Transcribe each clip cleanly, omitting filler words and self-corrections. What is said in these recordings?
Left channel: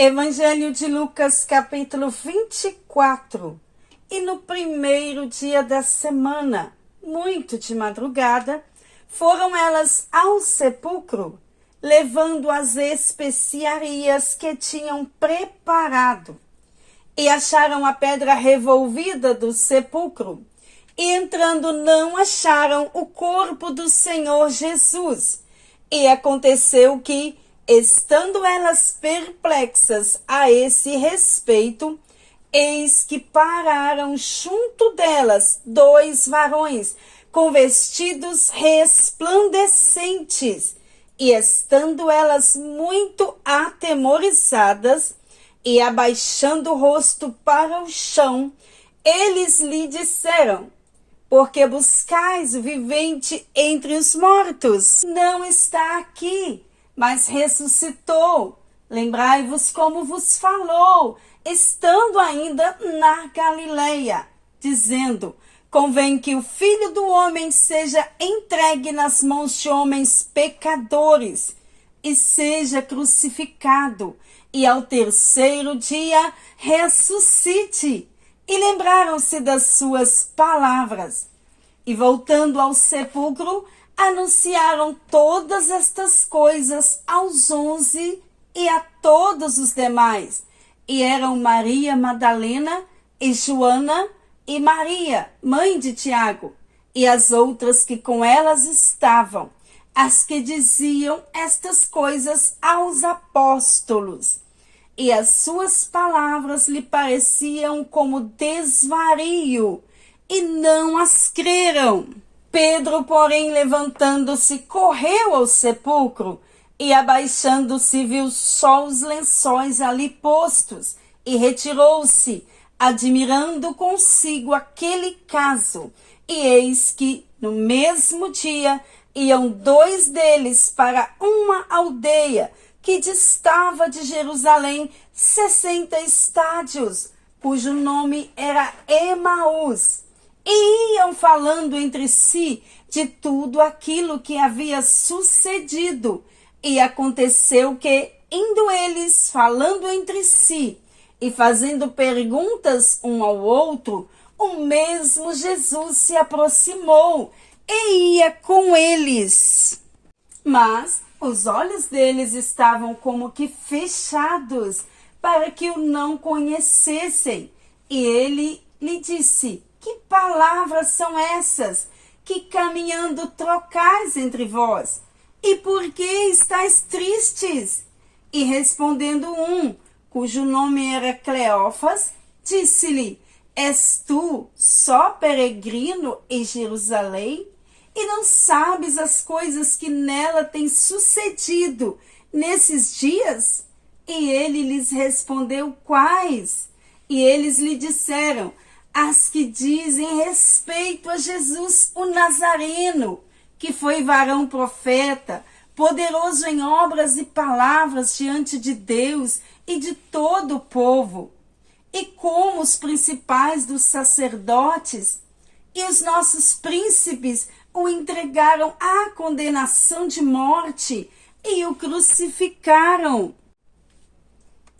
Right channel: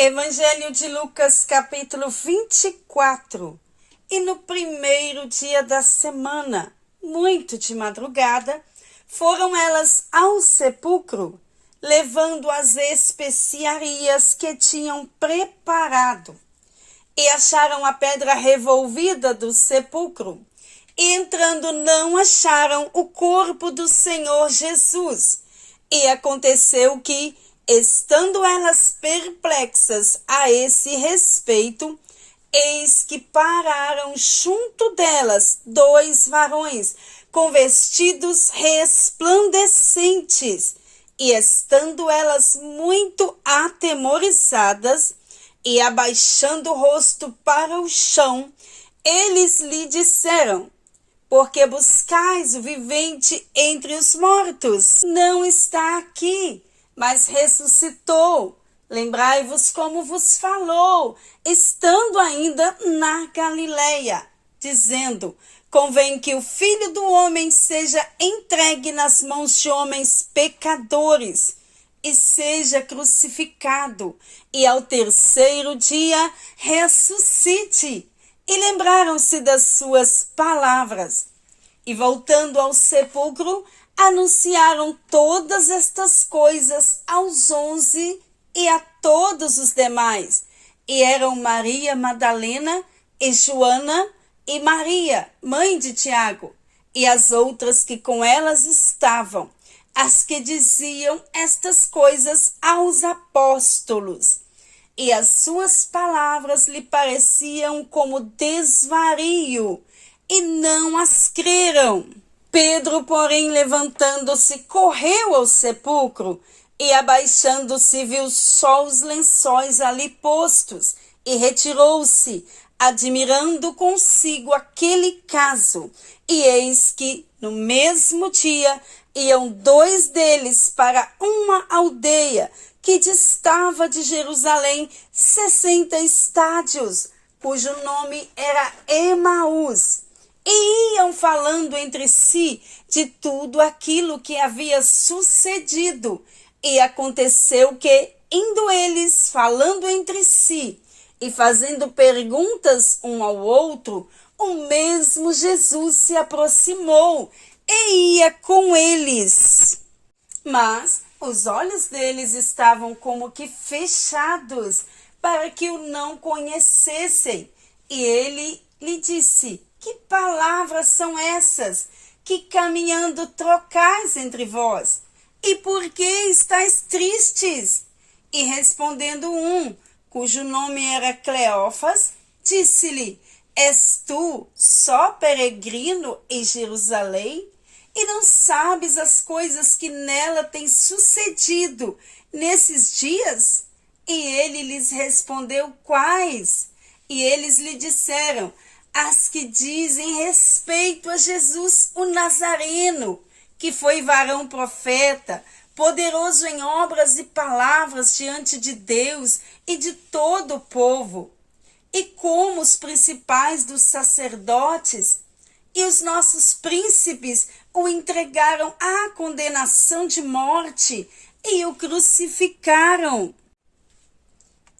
Evangelho de Lucas, capítulo 24. E no primeiro dia da semana, muito de madrugada, foram elas ao sepulcro, levando as especiarias que tinham preparado. E acharam a pedra revolvida do sepulcro. E entrando não acharam o corpo do Senhor Jesus. E aconteceu que, estando elas perplexas a esse respeito, eis que pararam junto delas 2 varões com vestidos resplandecentes, e estando elas muito atemorizadas e abaixando o rosto para o chão, eles lhe disseram: porque buscais o vivente entre os mortos? Não está aqui, mas ressuscitou. Lembrai-vos como vos falou, estando ainda na Galileia, dizendo: convém que o Filho do Homem seja entregue nas mãos de homens pecadores, e seja crucificado, e ao terceiro dia ressuscite. E lembraram-se das suas palavras. E voltando ao sepulcro, anunciaram todas estas coisas aos 11 e a todos os demais. E eram Maria Madalena e Joana e Maria, mãe de Tiago, e as outras que com elas estavam, as que diziam estas coisas aos apóstolos. E as suas palavras lhe pareciam como desvario, e não as creram. Pedro, porém, levantando-se, correu ao sepulcro, e abaixando-se viu só os lençóis ali postos, e retirou-se, admirando consigo aquele caso. E eis que, no mesmo dia, iam 2 deles para uma aldeia, que distava de Jerusalém 60 estádios, cujo nome era Emaús, e iam falando entre si de tudo aquilo que havia sucedido. E aconteceu que, indo eles falando entre si e fazendo perguntas um ao outro, o mesmo Jesus se aproximou e ia com eles. Mas os olhos deles estavam como que fechados, para que o não conhecessem. E ele lhe disse: que palavras são essas, que caminhando trocais entre vós? E por que estáis tristes? E respondendo um, cujo nome era Cleófas, disse-lhe: és tu só peregrino em Jerusalém? E não sabes as coisas que nela têm sucedido nesses dias? E ele lhes respondeu: quais? E eles lhe disseram: as que dizem respeito a Jesus o Nazareno, que foi varão profeta, poderoso em obras e palavras diante de Deus e de todo o povo. E como os principais dos sacerdotes e os nossos príncipes o entregaram à condenação de morte e o crucificaram.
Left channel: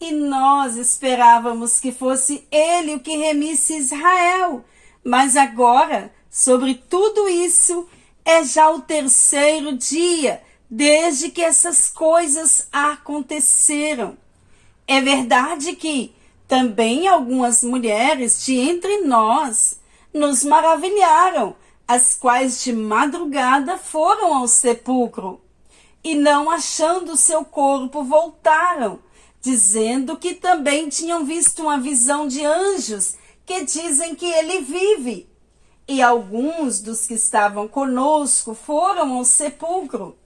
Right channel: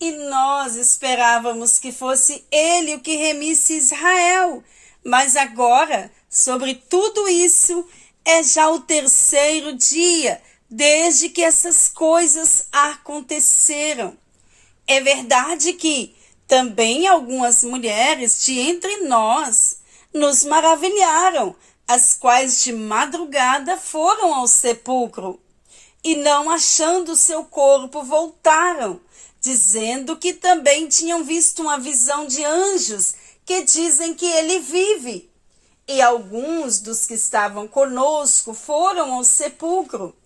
E nós esperávamos que fosse ele o que remisse Israel, mas agora, sobre tudo isso, é já o 3º dia desde que essas coisas aconteceram. É verdade que também algumas mulheres de entre nós nos maravilharam, as quais de madrugada foram ao sepulcro, e não achando seu corpo voltaram, dizendo que também tinham visto uma visão de anjos que dizem que ele vive. E alguns dos que estavam conosco foram ao sepulcro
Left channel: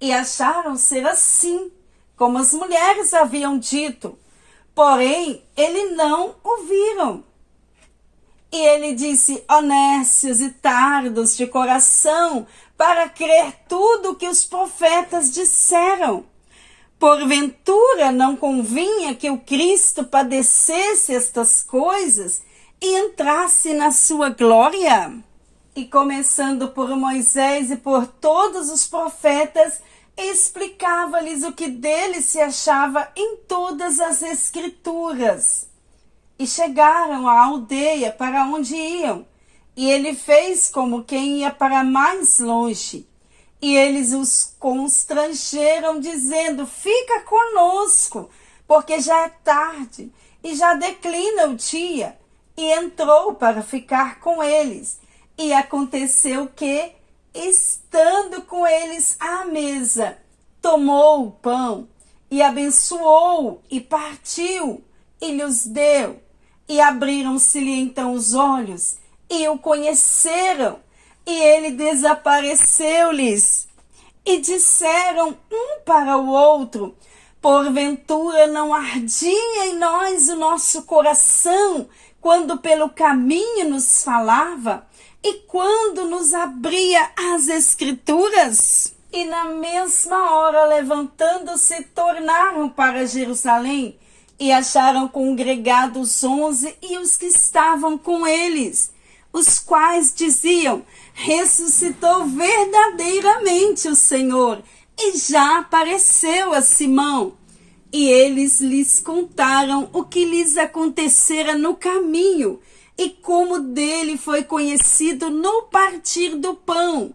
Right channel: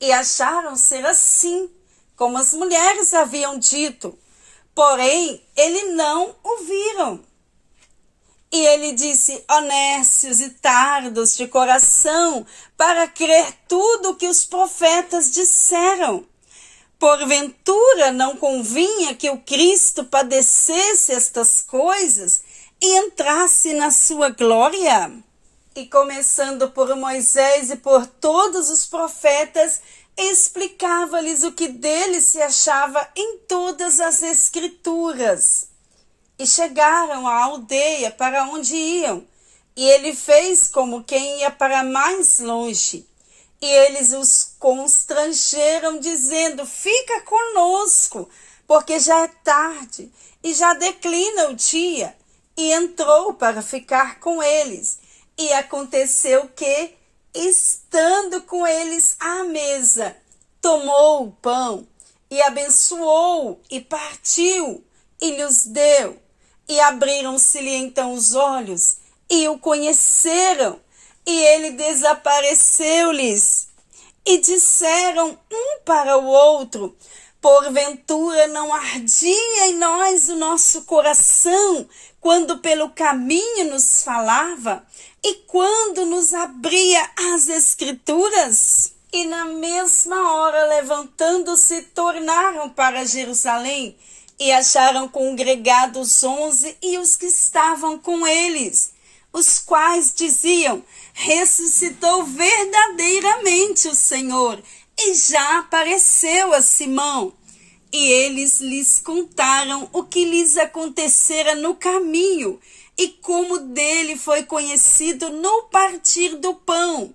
e acharam ser assim, como as mulheres haviam dito, porém ele não o viram. E ele disse: honestos e tardos de coração, para crer tudo o que os profetas disseram. Porventura não convinha que o Cristo padecesse estas coisas e entrasse na sua glória? E começando por Moisés e por todos os profetas, explicava-lhes o que dele se achava em todas as Escrituras. E chegaram à aldeia para onde iam, e ele fez como quem ia para mais longe. E eles os constrangeram, dizendo: fica conosco, porque já é tarde e já declina o dia. E entrou para ficar com eles. E aconteceu que, estando com eles à mesa, tomou o pão e abençoou e partiu e lhes deu. E abriram-se-lhe então os olhos e o conheceram. E ele desapareceu-lhes. E disseram um para o outro: porventura não ardia em nós o nosso coração, quando pelo caminho nos falava, e quando nos abria as Escrituras? E na mesma hora, levantando-se, tornaram para Jerusalém, e acharam congregados 11 e os que estavam com eles, os quais diziam: ressuscitou verdadeiramente o Senhor, e já apareceu a Simão. E eles lhes contaram o que lhes acontecera no caminho, e como dele foi conhecido no partir do pão.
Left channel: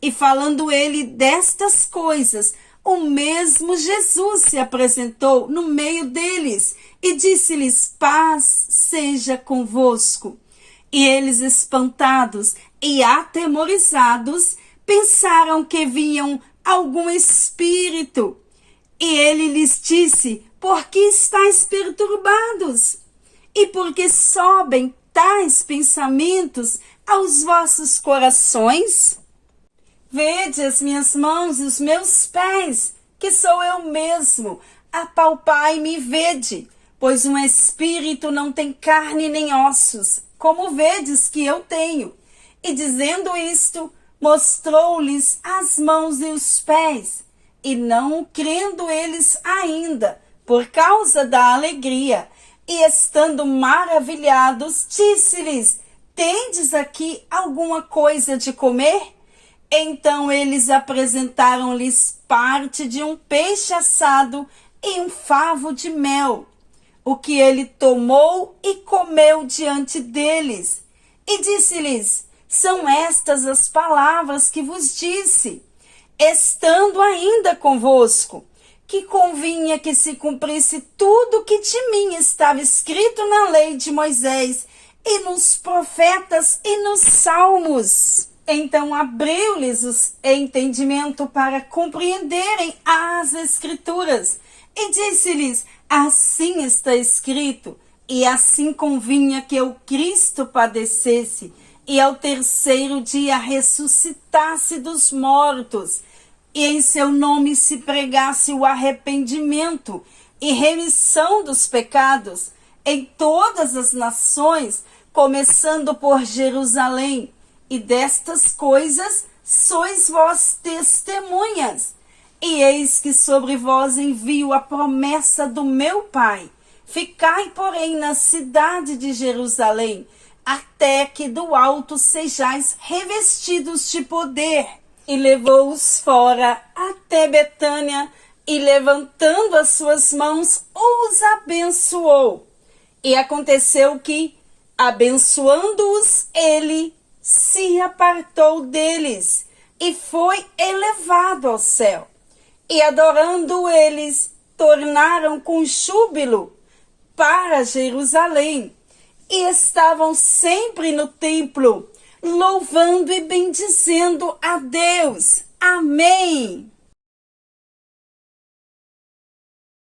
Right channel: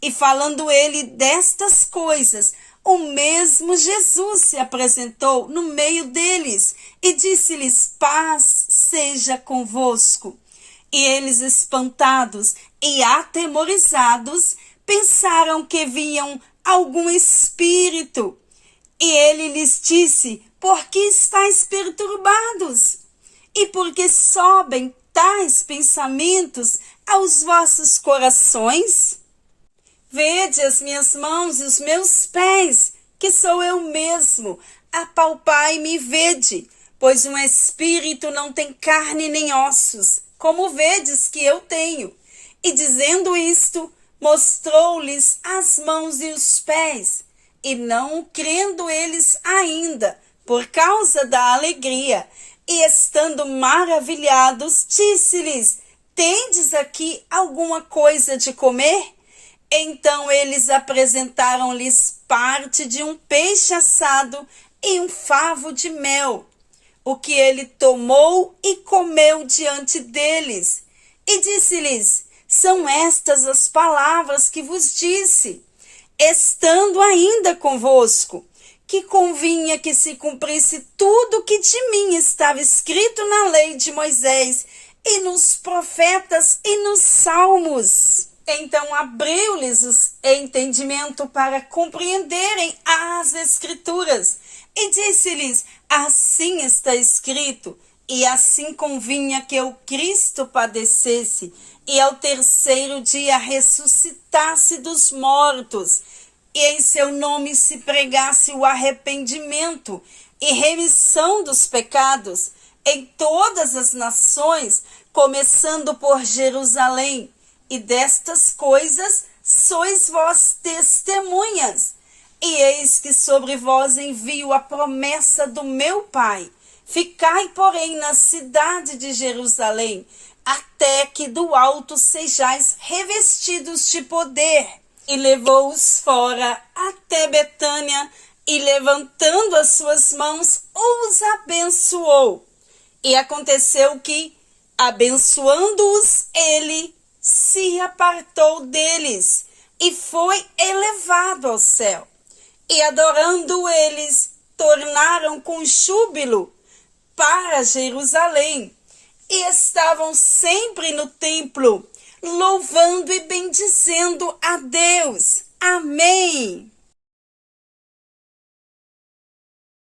E falando ele destas coisas, o mesmo Jesus se apresentou no meio deles, e disse-lhes: paz seja convosco. E eles, espantados e atemorizados, pensaram que viam algum espírito. E ele lhes disse: por que estáis perturbados? E por que sobem tais pensamentos aos vossos corações? Vede as minhas mãos e os meus pés, que sou eu mesmo. Apalpai-me e vede, pois um espírito não tem carne nem ossos, como vedes que eu tenho. E dizendo isto, mostrou-lhes as mãos e os pés. E não crendo eles ainda, por causa da alegria, e estando maravilhados, disse-lhes: tendes aqui alguma coisa de comer? Então eles apresentaram-lhes parte de um peixe assado e um favo de mel, o que ele tomou e comeu diante deles. E disse-lhes: são estas as palavras que vos disse, estando ainda convosco, que convinha que se cumprisse tudo que de mim estava escrito na lei de Moisés, e nos profetas e nos salmos. Então abriu-lhes o entendimento para compreenderem as Escrituras, e disse-lhes: assim está escrito, e assim convinha que o Cristo padecesse, e ao terceiro dia ressuscitasse dos mortos, e em seu nome se pregasse o arrependimento e remissão dos pecados em todas as nações, começando por Jerusalém. E destas coisas sois vós testemunhas. E eis que sobre vós envio a promessa do meu Pai. Ficai, porém, na cidade de Jerusalém, até que do alto sejais revestidos de poder. E levou-os fora até Betânia, e levantando as suas mãos, os abençoou. E aconteceu que, abençoando-os, ele se apartou deles, e foi elevado ao céu. E adorando eles, tornaram com júbilo para Jerusalém, e estavam sempre no templo, louvando e bendizendo a Deus. Amém.